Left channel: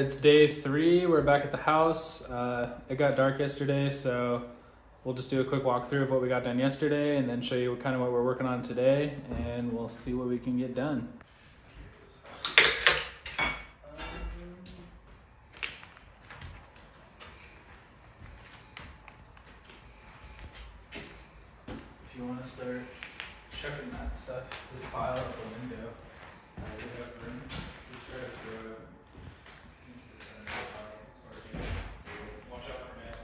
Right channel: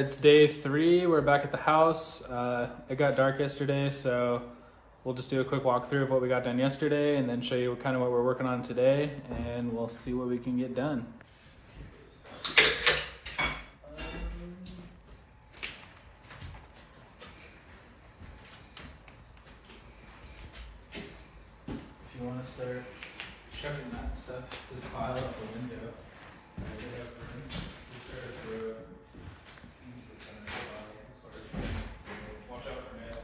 it's day 3. We're back at the house. It got dark yesterday, so we'll just do a quick walkthrough of what we got done yesterday and then show you kind of what we're working on today, and we'll see what we can get done. If you want to start shoving that stuff, this file out the window. Watch out for nails.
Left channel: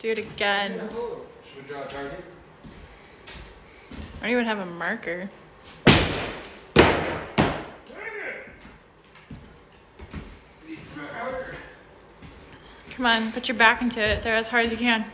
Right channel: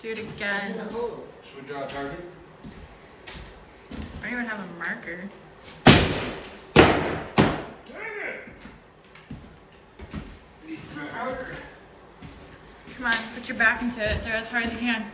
Do it again. Should we draw a target? I don't even have a marker. Come on, put your back into it. Throw as hard as you can.